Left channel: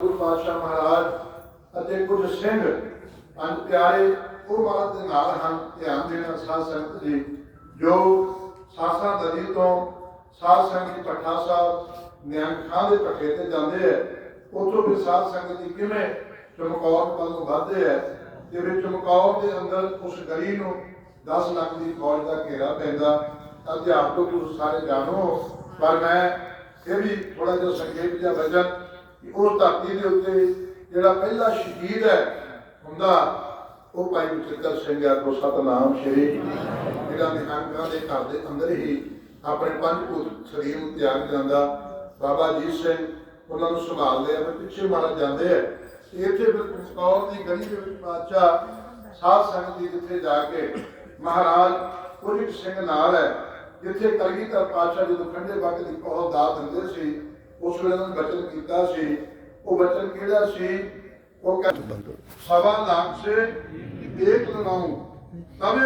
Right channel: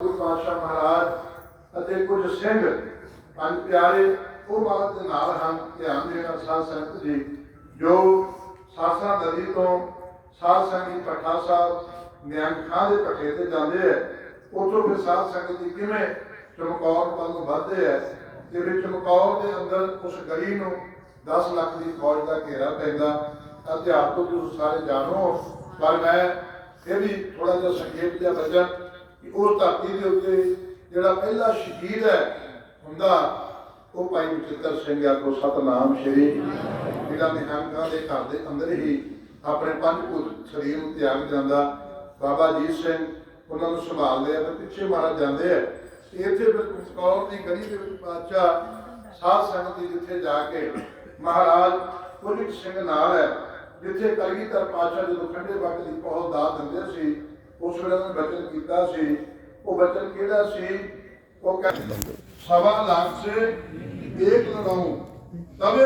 ਗੁਰੂ ਪਾਤਸ਼ਾਹ ਮਹਾਰਾਜ ਅਤੇ ਕੁਝ ਸਿੰਘ ਪੰਜ ਪਿਆਰੇ ਉਹ ਬਾਤ ਦੇ ਨਾਲ ਹਨ, ਧਿਆਨ ਦੇਣਾ ਸਾਧ ਸੰਗਤ ਜੀ, ਜੋ ਸਾਸਾ ਨਦੀ ਤੋਂ ਸਾਧ ਸੰਗਤ ਪੱਠਾ ਸਾਹਿਬ, ਨਿਹੰਗ ਦੇ ਪੱਠੇ ਤੇ ਜਾਂਦੇ ਆ, ਉੱਥੋਂ ਫਿਰ ਸਾਧ ਸੰਗਤ ਜੀ ਕਿਵੇਂ ਚਮਕੌਰ ਵੱਲ ਨੂੰ ਵੱਧਦੇ ਆ ਜਿਵੇਂ ਚਮਕੌਰ ਦੇ ਅੰਦਰ ਉਸ ਗਲੀ ਨੂੰ 10 ਲੱਖ ਦੀ ਫੌਜ ਦਾ ਘੇਰਾ ਪੈਂਦਾ ਅਧਿਆਪ ਤੁਸੀਂ ਸਾਰੇ ਜਾਣੋ, ਪਰ ਮੈਂ ਇਹ ਵੀ ਥੋੜਾ ਜਿਹਾ ਸੰਖੇਪ ਜਿਹਾ ਵਜਨ ਕਿ ਉਸ ਧਰਤੀ ਦੇ ਉੱਤੇ ਜਿਹੜਾ ਪਹਿਲਾ ਸ਼ਹੀਦ ਹੈ ਹੁੰਦਾ, ਉਹ ਭਾਈ ਬਚਿੱਤਰ ਸਿੰਘ ਆ ਕੋ ਸਤਨਾਮ ਸ਼੍ਰੀ ਜਿਹੜਾ ਨਿਹੰਗਾਂ ਦੇ ਘਰ ਦੇ ਅੰਦਰ ਹੀ ਆਪਣੇ ਪੰਜ ਪੁੱਤ ਸਰੀਰ ਨੂੰ ਤਿਆਗ ਜਾਂਦਾ। ਬਾਬਾ ਜੀਤ ਸਿੰਘ ਉਹਨਾਂ ਨੂੰ ਸੰਭਾਲਦੇ ਲਿਆ ਫਿਰ ਪਿੱਛੇ ਮਹਾਰਾਜ ਜਾਂਦੇ ਆ। ਇੱਥੇ ਫਿਰ ਕੌਰ ਦੀ ਗਲੀ ਦੇ ਵਿੱਚ ਬਾਦਸ਼ਾਹ ਸਾਧ ਸੰਗਤ ਜੀ ਜਿੱਥੇ ਜਾ ਕੇ ਮਹਾਰਾਜ ਪੁਲਿਸ ਸਿੰਘ ਨਾਲ ਹੈ, ਜਿੱਥੇ ਕਲਗੀਧਰ ਪਾਤਸ਼ਾਹ ਜਦੋਂ ਠੰਡੇ ਵਕਤ ਦੀ ਬਹੁਤ ਦਾਤ ਦਿੰਦੇ ਸੀ ਉਸ ਵੇਲੇ ਉਹਨਾਂ ਬਚਨ ਕੀਤਾ ਸੀ। ਉਹ ਬਚਨ ਕਿਹੜਾ ਸੀ? ਉਹ ਕਹਿੰਦੇ, ਸਵਾ ਲੱਖ ਸੇ ਇੱਕ ਲੜਾਉਂ ਤਬੇ